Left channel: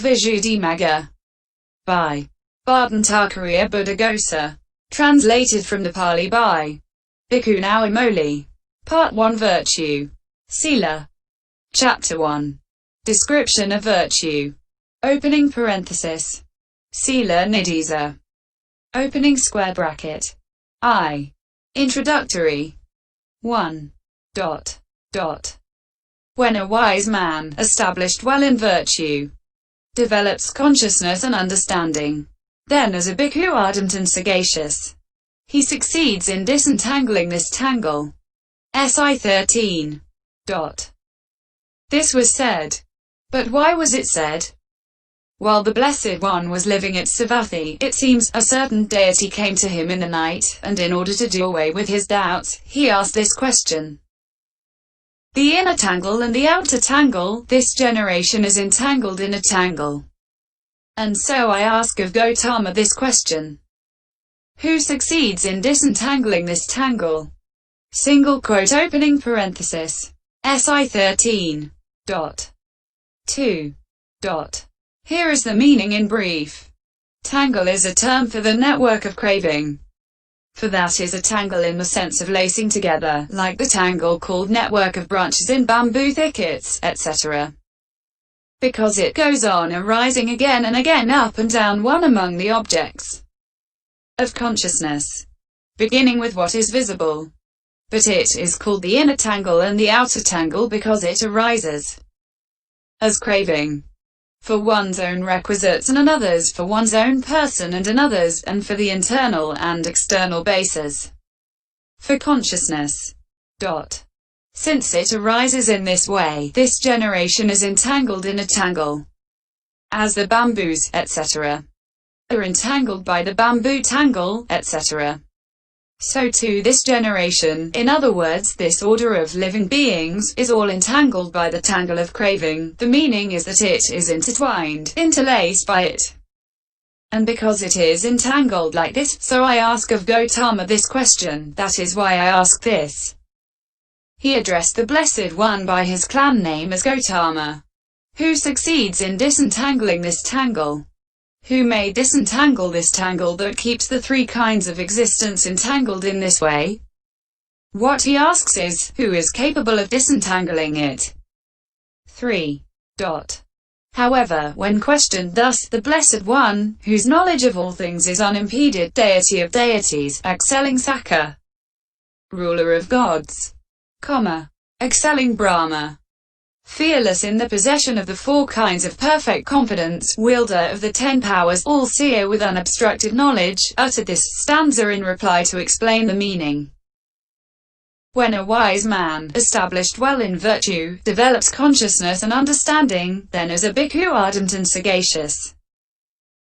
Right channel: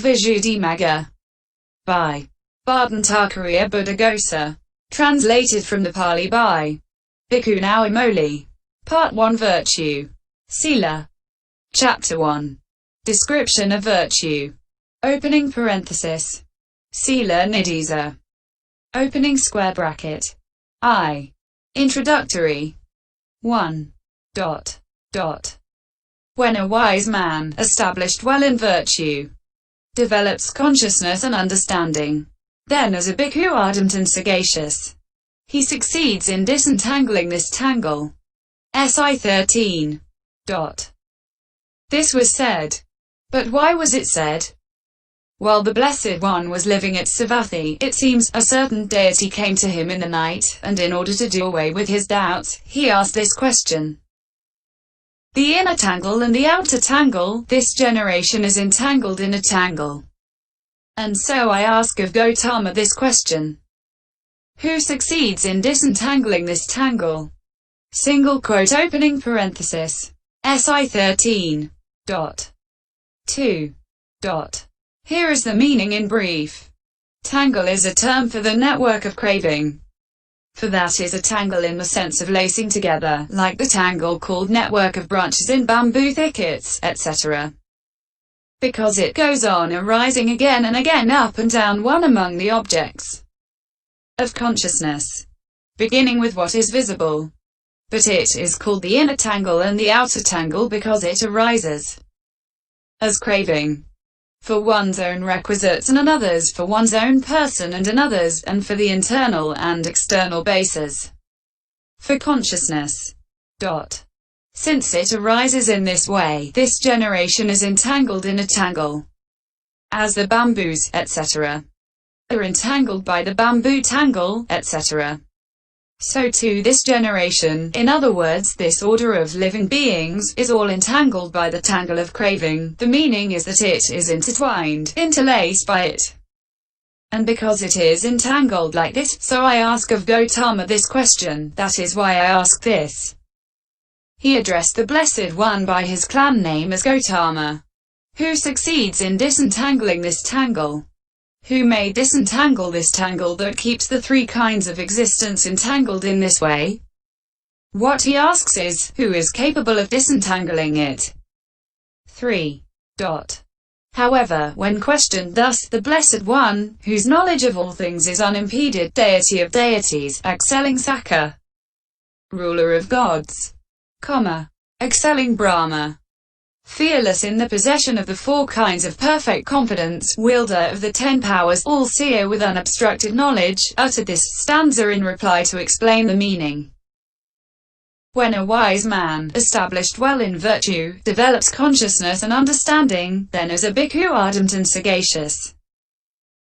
Visuddhimagga. By Bhattacharya Buddhaghosa. Translated from the Pali by Bhikkhu Naoamoli. Part 1 Virtue. Sila. Chapter 1. Description of virtue. Opening parenthesis. Sila nidisa. Opening square bracket. I. Introductory. 1. When a wise man, established well in virtue, develops consciousness and understanding, then as a bhikkhu ardent and sagacious, he succeeds in disentangling this tangle. SI 13. This was said. But why was it said? While the Blessed One was living at Savatthi, it seems, a certain deity came to him in the night, and in order to do away with his doubts, he asked this question. The inner tangle and the outer tangle, this generation is entangled in a tangle. And so I ask of Gautama this question. Who succeeds in disentangling this tangle? Single quote opening parenthesis. SI 13. 2. Here is the meaning in brief. Tangle is a term for the network of craving. For that is a tangle in the sense of lacing together, like the tangle called network of branches in bamboo thickets, etc. Because it goes on arising again and again up and down one among the objects of consciousness, beginning with what is visible. But it is called the inner tangle and the outer tangle because it arises as craving for one's own requisites and another's, for one's own person and another's, and for the internal and external bases for consciousness. Since it arises in this way, this generation is entangled in a tangle, as the bamboos, etc., are entangled by the bamboo tangle, etc. So too this generation, in other words, this order of living beings, is all entangled by the tangle of craving. The meaning is that it is intertwined, interlaced by it. And because it is entangled like this, so I ask of Gautama this question, that is why I ask this. He addressed the Blessed One by his clan name as Gautama. Who succeeds in disentangling this tangle? Who may disentangle this tangle that keeps the three kinds of existence entangled in this way? What he asks is, who is capable of disentangling it? 3. However, when questioned thus, the Blessed One, whose knowledge of all things is unimpeded, deity of deities, excelling Sakka, ruler of gods, kamma, excelling Brahma, fearless in the possession of the four kinds of perfect confidence, wielder of the 10 powers, all-seer with unobstructed knowledge, uttered this stanza in reply to explain the meaning. When a wise man, established well in virtue, develops consciousness and understanding, then as a bhikkhu ardent and sagacious,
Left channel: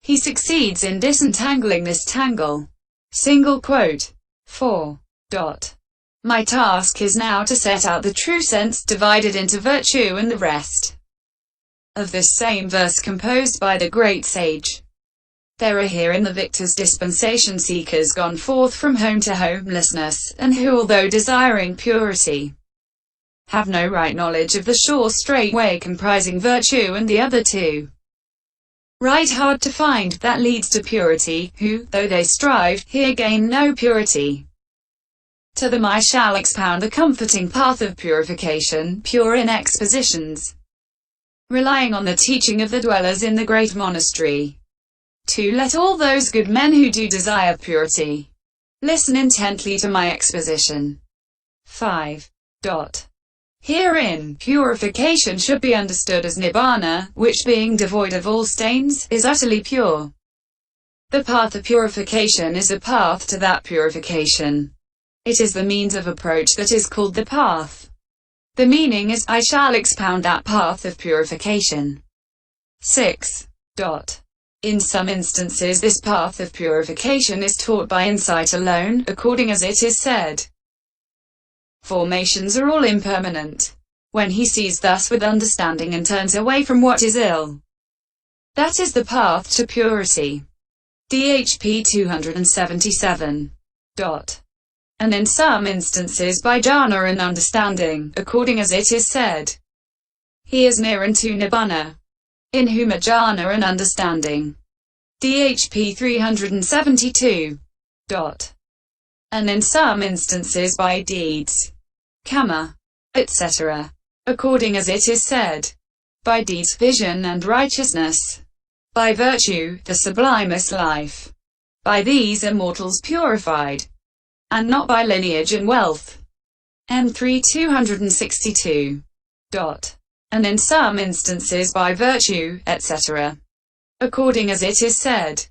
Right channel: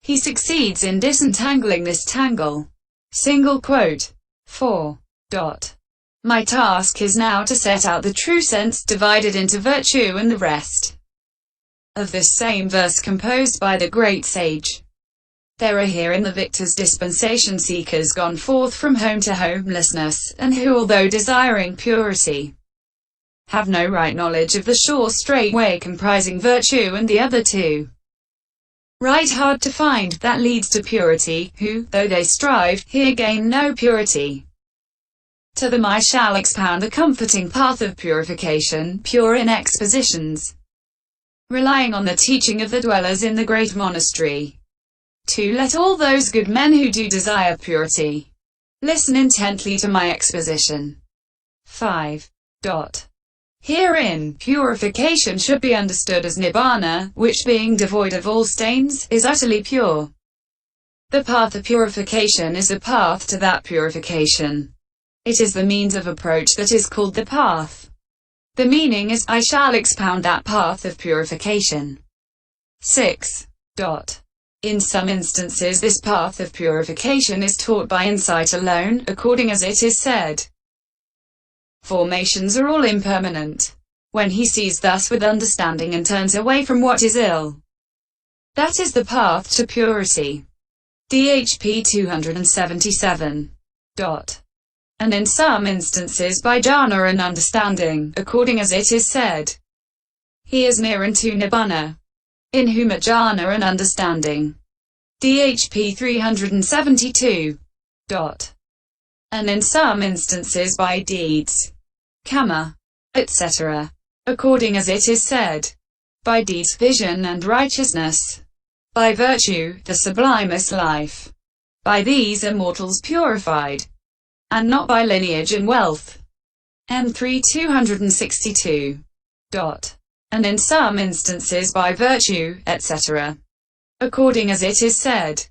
he succeeds in disentangling this tangle. Single quote. 4. My task is now to set out the true sense, divided into virtue and the rest, of this same verse composed by the great sage. There are here in the victor's dispensation seekers gone forth from home to homelessness, and who, although desiring purity, have no right knowledge of the sure straight way comprising virtue and the other two. Right hard to find, that leads to purity, who, though they strive, here gain no purity. To them I shall expound the comforting path of purification, pure in expositions, relying on the teaching of the dwellers in the great monastery. 2. Let all those good men who do desire purity listen intently to my exposition. 5. Herein, purification should be understood as nibbana, which being devoid of all stains, is utterly pure. The path of purification is a path to that purification. It is the means of approach that is called the path. The meaning is, I shall expound that path of purification. 6. In some instances this path of purification is taught by insight alone, according as it is said. Formations are all impermanent. When he sees thus with understanding and turns away from what is ill, that is the path to purity. DHP 277. And in some instances by jhana and understanding, according as it is said. He is near unto nibbana. in whom are jhana and understanding. DHP 372. And in some instances by deeds, kamma, etc., according as it is said, by deeds vision and righteousness, by virtue, the sublimest life, by these are mortals purified, and not by lineage and wealth. M3 262. And in some instances by virtue, etc., according as it is said,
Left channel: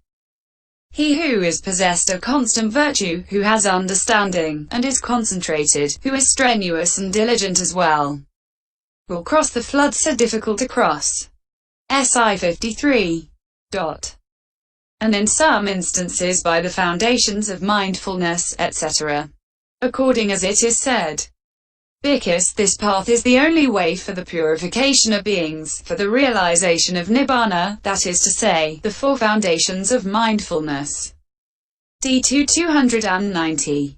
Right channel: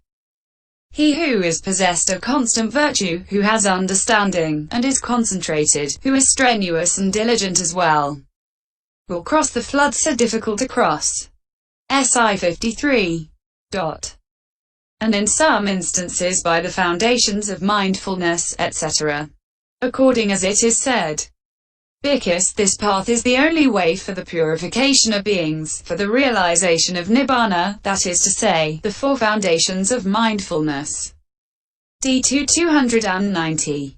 he who is possessed of constant virtue, who has understanding, and is concentrated, who is strenuous and diligent as well, will cross the flood so difficult to cross. SI 53. And in some instances by the foundations of mindfulness, etc., according as it is said, because this path is the only way for the purification of beings, for the realization of nibbana, that is to say, the four foundations of mindfulness. D2 290.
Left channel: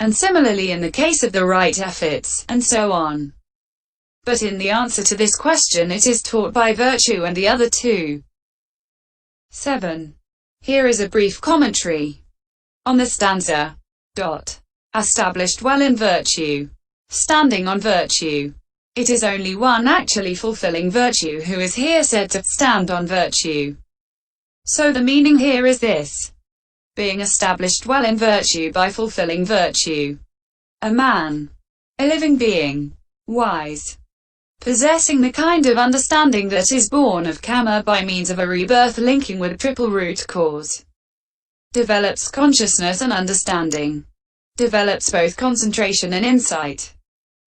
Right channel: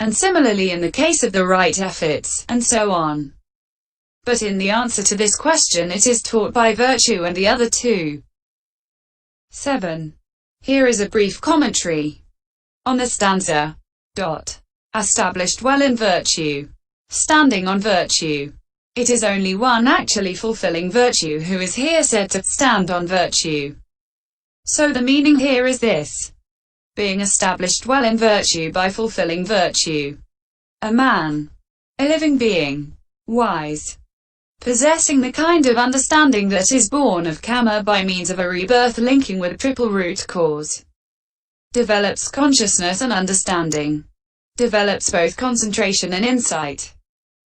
And similarly in the case of the right efforts, and so on. But in the answer to this question it is taught by virtue and the other two. 7. Here is a brief commentary on the stanza. Established well in virtue. Standing on virtue. It is only one actually fulfilling virtue who is here said to stand on virtue. So the meaning here is this: being established well in virtue by fulfilling virtue. A man. A living being. Wise. Possessing the kind of understanding that is born of kamma by means of a rebirth linking with triple root cause. Develops consciousness and understanding. Develops both concentration and insight.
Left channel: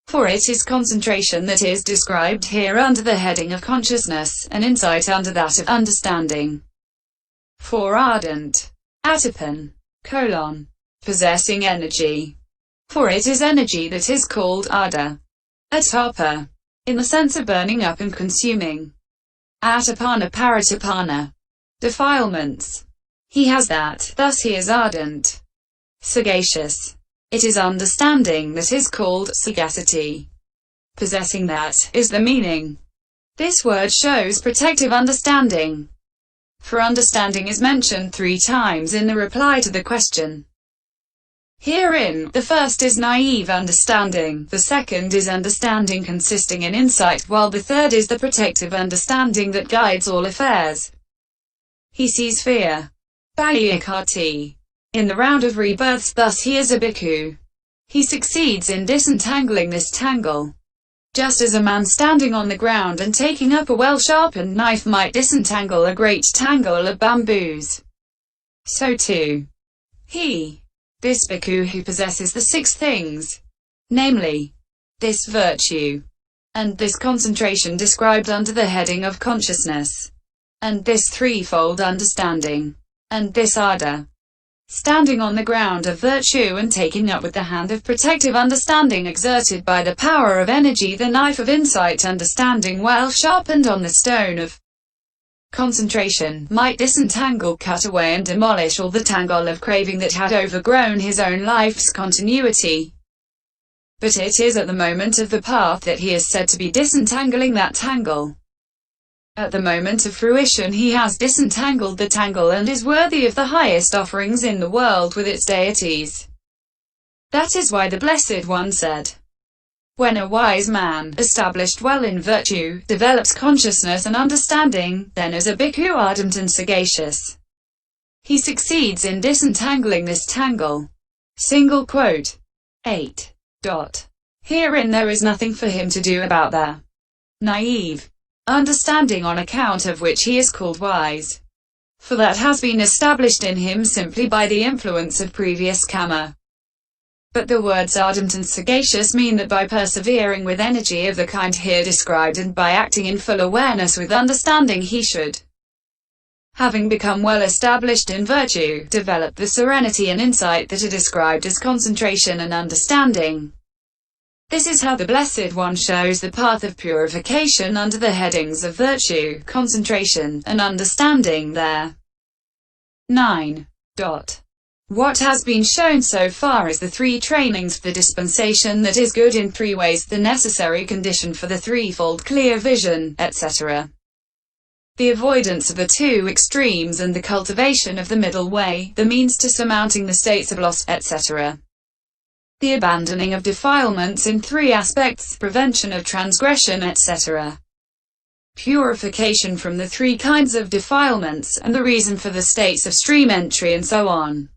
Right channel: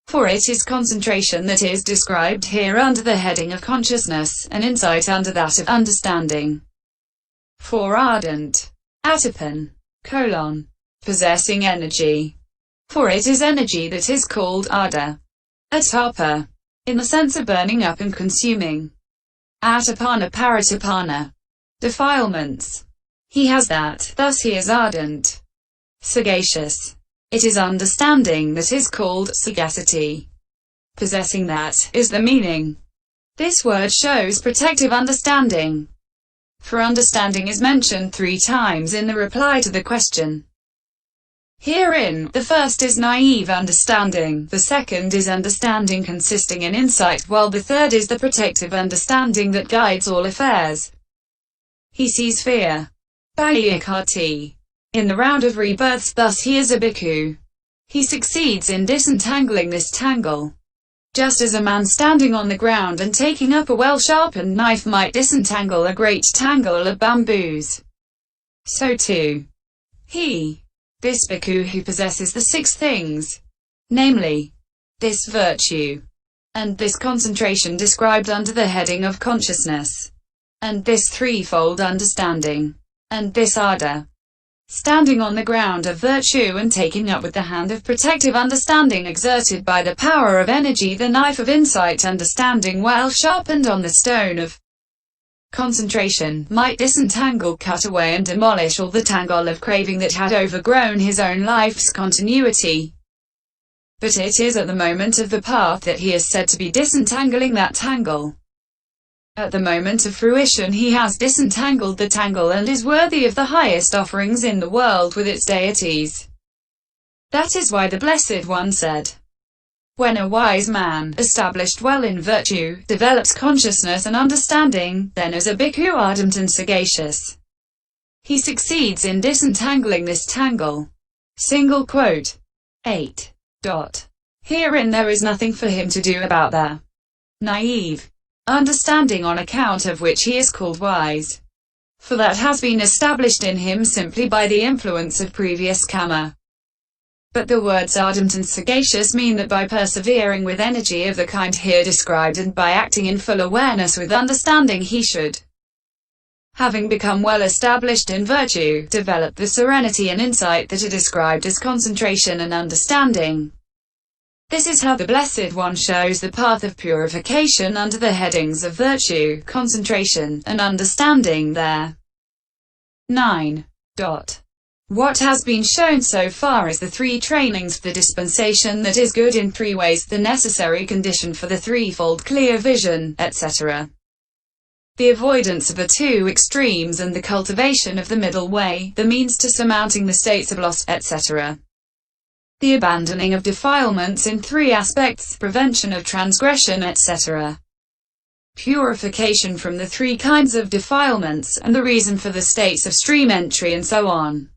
For it is concentration that is described here under the heading of consciousness, and insight under that of understanding. For ardent. Atapin. Possessing energy. For it is energy that is called ardour. Atapa. In the sense of burning up and consuming. Atapana-paritapana. Defilements. He has that, thus he is ardent. Sagacious. It is understanding that is called sagacity. Possessing that, is the meaning. This word shows protective understanding. For understanding is mentioned 3 times in the reply to the question. Herein, the first is naive understanding, the second is understanding consisting in insight, while the third is the protective understanding that guides all affairs. He sees fear. Bhayaí ikkhati. In the round of rebirths, thus he is a bhikkhu. He succeeds in disentangling this tangle. Just as a man standing on the ground and taking up a well-sharpened knife might disentangle a great tangle of bamboos, so too, this bhikkhu who possesses the 6 things, namely, this virtue, and this concentration described under the heading of consciousness, and this threefold understanding, and this ardour, standing on the ground of virtue and taking up with the hand of protective understanding exerted by the power of energy the knife of insight understanding well sharpened on the stone of concentration, might disentangle, cut away and demolish all the tangle of craving that had overgrown his own life's continuity. But it is at the moment of the path that he is said to be disentangling that tangle. At the moment of fruition he has disentangled the tangle and is worthy of the highest offerings in the world with its deities. That is why the Blessed One said, when a wise man, established well in virtue, develops consciousness and understanding, then as a bhikkhu ardent and sagacious, he succeeds in disentangling this tangle. 8. Herein there is nothing for him to do about the naive understanding on account of which he is called wise, for that has been established in him simply by the influence of previous kamma. But the words ardent and sagacious mean that by persevering with energy of the kind here described and by acting in full awareness with understanding he should, having become well established in virtue, develop the serenity and insight that are described as concentration and understanding. This is how the Blessed One shows the path of purification under the headings of virtue, concentration, and understanding there. 9. What has been shown so far is the three trainings, the dispensation that is good in three ways, the necessary condition for the threefold clear vision, etc. The avoidance of the two extremes and the cultivation of the middle way, the means to surmounting the states of loss, etc. The abandoning of defilements in three aspects, prevention of transgression, etc. Purification from the three kinds of defilements, and the reason for the states of stream entry, and so on.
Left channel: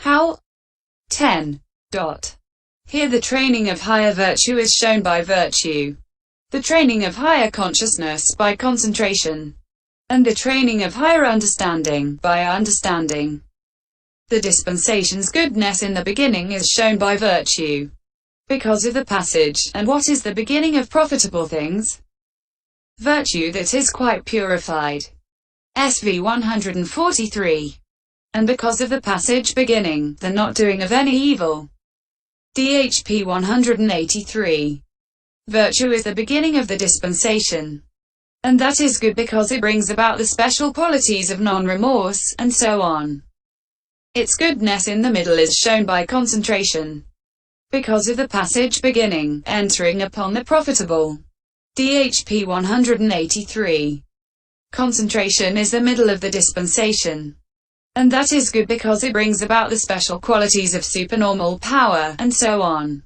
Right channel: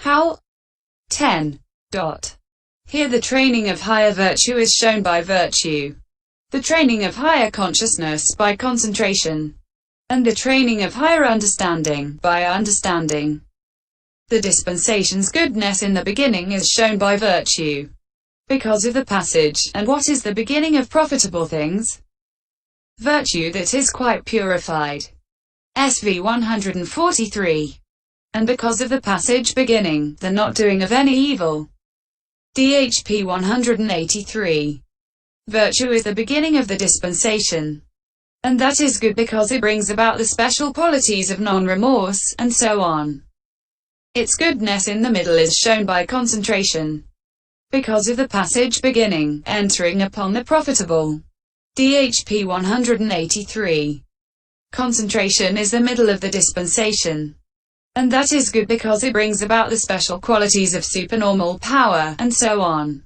How? 10. Here the training of higher virtue is shown by virtue, the training of higher consciousness by concentration, and the training of higher understanding by understanding. The dispensation's goodness in the beginning is shown by virtue, because of the passage. And what is the beginning of profitable things? Virtue that is quite purified. SV 143. And because of the passage beginning, the not doing of any evil. DHP 183. Virtue is the beginning of the dispensation. And that is good because it brings about the special qualities of non-remorse, and so on. Its goodness in the middle is shown by concentration, because of the passage beginning, entering upon the profitable. DHP 183. Concentration is the middle of the dispensation. And that is good because it brings about the special qualities of supernormal power, and so on.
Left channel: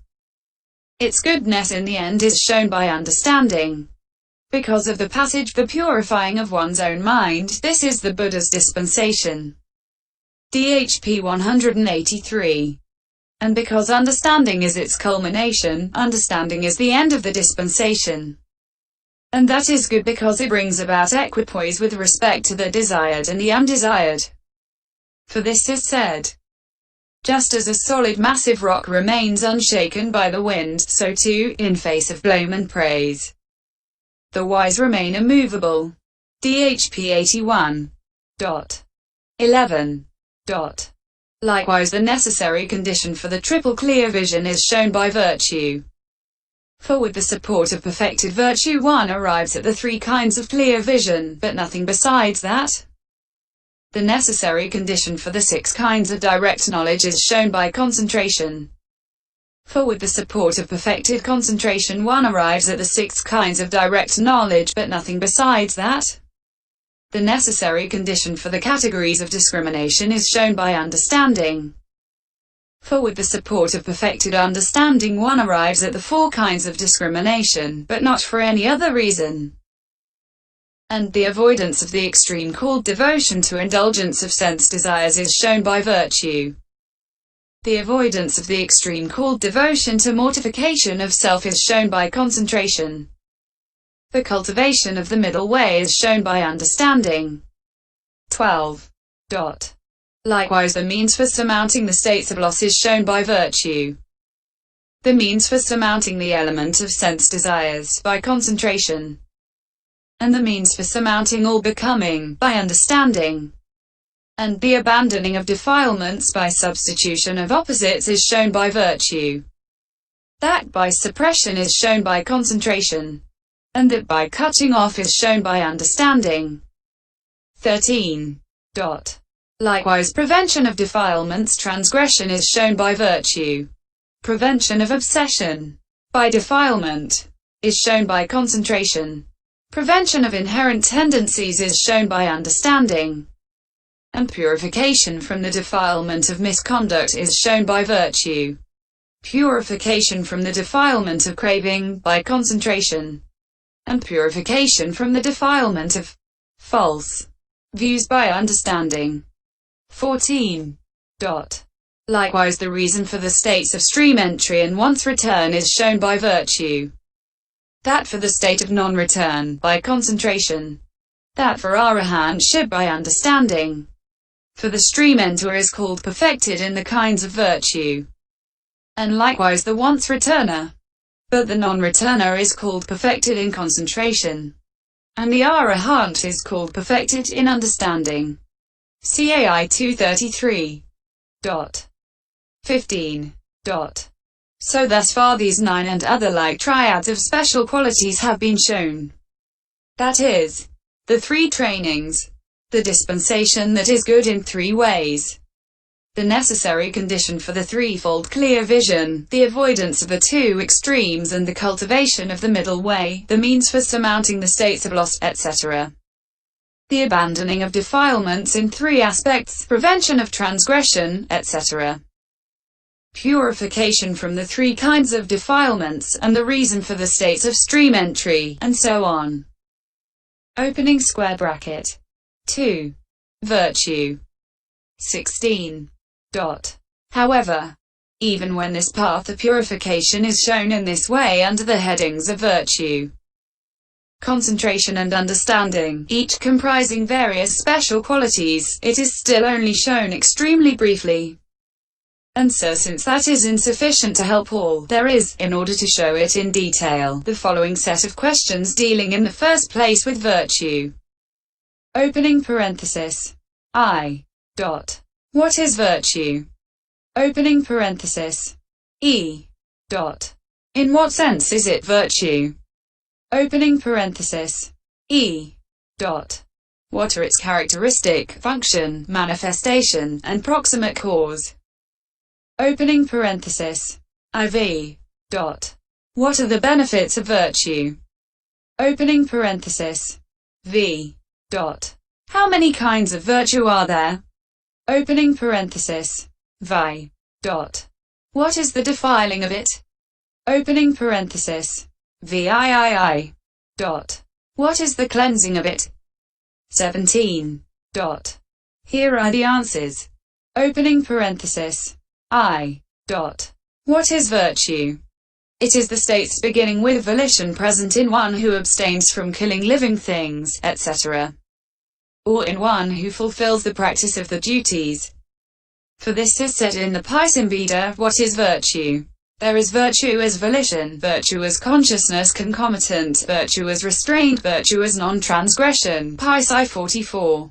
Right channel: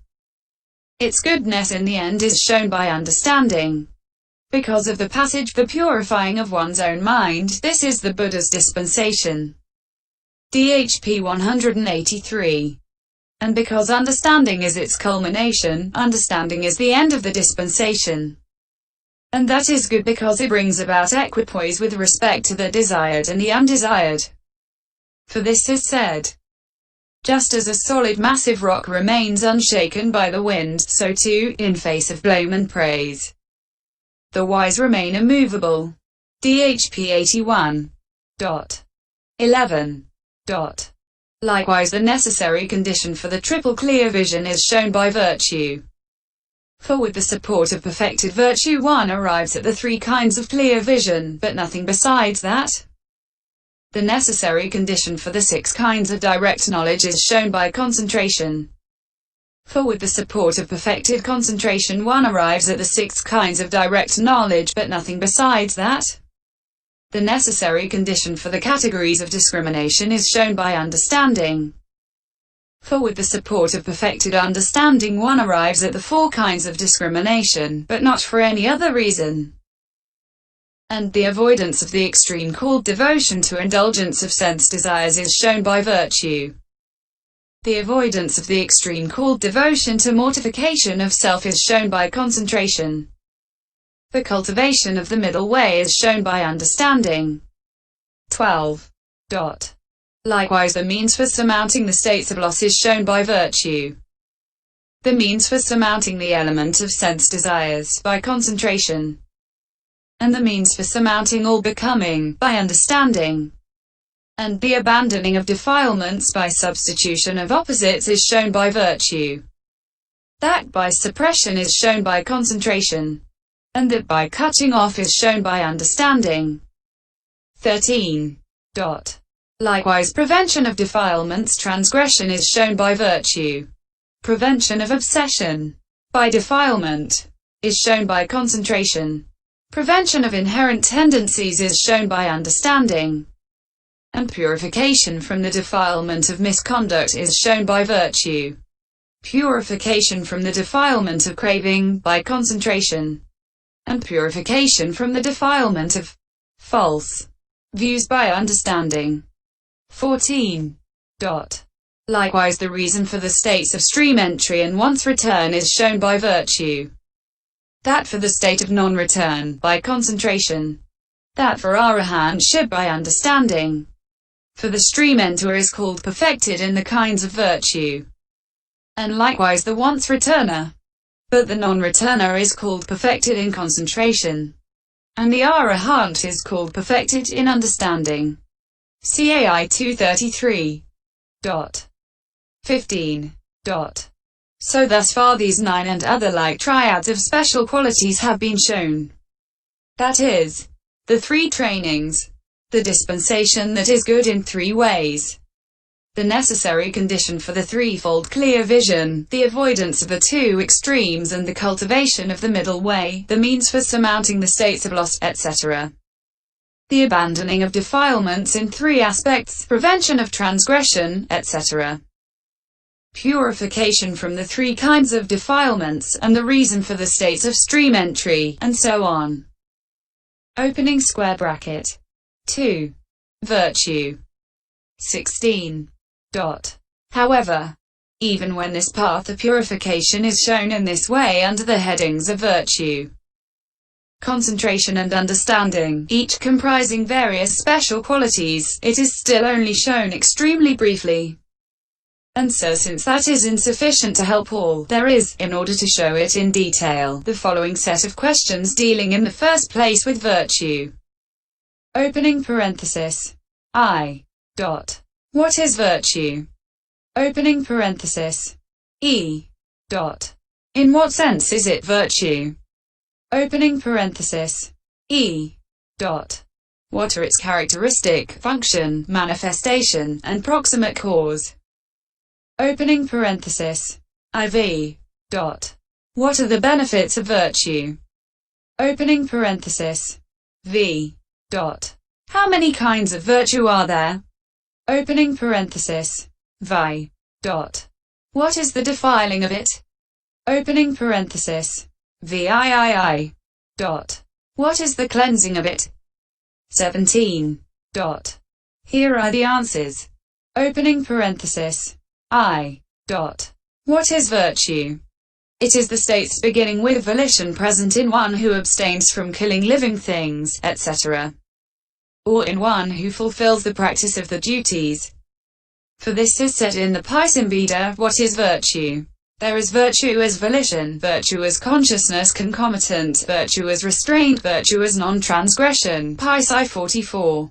Its goodness in the end is shown by understanding, because of the passage, the purifying of one's own mind. This is the Buddha's dispensation. DHP 183. And because understanding is its culmination, understanding is the end of the dispensation. And that is good because it brings about equipoise with respect to the desired and the undesired. For this is said, just as a solid massive rock remains unshaken by the wind, so too, in face of blame and praise, the wise remain immovable. DHP 81. 11. Likewise the necessary condition for the triple clear vision is shown by virtue. For with the support of perfected virtue one arrives at the three kinds of clear vision, but nothing besides that. The necessary condition for the six kinds of direct knowledge is shown by concentration. For with the support of perfected concentration one arrives at the six kinds of direct knowledge, but nothing besides that. The necessary condition for the categories of discrimination is shown by understanding. For with the support of perfected understanding one arrives at the four kinds of discrimination, but not for any other reason. And the avoidance of the extreme called devotion to indulgence of sense desires is shown by virtue. The avoidance of the extreme called devotion to mortification of self is shown by concentration. The cultivation of the middle way is shown by understanding. 12. Likewise the means for surmounting the states of loss is shown by virtue. The means for surmounting the element of sense desires by concentration. And the means for surmounting all becoming, by understanding. And the abandoning of defilements by substitution of opposites is shown by virtue. That by suppression is shown by concentration. And that by cutting off is shown by understanding. 13. Likewise prevention of defilements, transgression is shown by virtue. Prevention of obsession by defilement is shown by concentration. Prevention of inherent tendencies is shown by understanding. And purification from the defilement of misconduct is shown by virtue. Purification from the defilement of craving, by concentration. And purification from the defilement of false views by understanding. 14. Likewise the reason for the states of stream entry and once return is shown by virtue. That for the state of non-return, by concentration. That for arahantship by understanding. For the stream enter is called perfected in the kinds of virtue. And likewise the once returner. But the non-returner is called perfected in concentration. And the arahant is called perfected in understanding. CAI 233. 15. So thus far these 9 and other like triads of special qualities have been shown. That is, the 3 trainings, the dispensation that is good in 3 ways, the necessary condition for the threefold clear vision, the avoidance of the two extremes and the cultivation of the middle way, the means for surmounting the states of loss, etc. The abandoning of defilements in three aspects, prevention of transgression, etc. Purification from the three kinds of defilements, and the reason for the states of stream entry, and so on. Opening square bracket. 2. Virtue. 16. However, even when this path of purification is shown in this way under the headings of virtue, concentration and understanding, each comprising various special qualities, it is still only shown extremely briefly. And so since that is insufficient to help all, there is, in order to show it in detail, the following set of questions dealing in the first place with virtue. Opening parenthesis. I. What is virtue? Opening parenthesis. E. In what sense is it virtue? Opening parenthesis. E. What are its characteristic, function, manifestation, and proximate cause? Opening parenthesis. IV. What are the benefits of virtue? Opening parenthesis. V. How many kinds of virtue are there? Opening parenthesis. Vi. What is the defiling of it? Opening parenthesis. VIII. What is the cleansing of it? 17. Here are the answers. Opening parenthesis. I. What is virtue? It is the states beginning with volition present in one who abstains from killing living things, etc. or in one who fulfills the practice of the duties. For this is said in the Pisambhida, what is virtue? There is virtue as volition, virtue as consciousness concomitant, virtue as restraint, virtue as non-transgression. Pisi 44.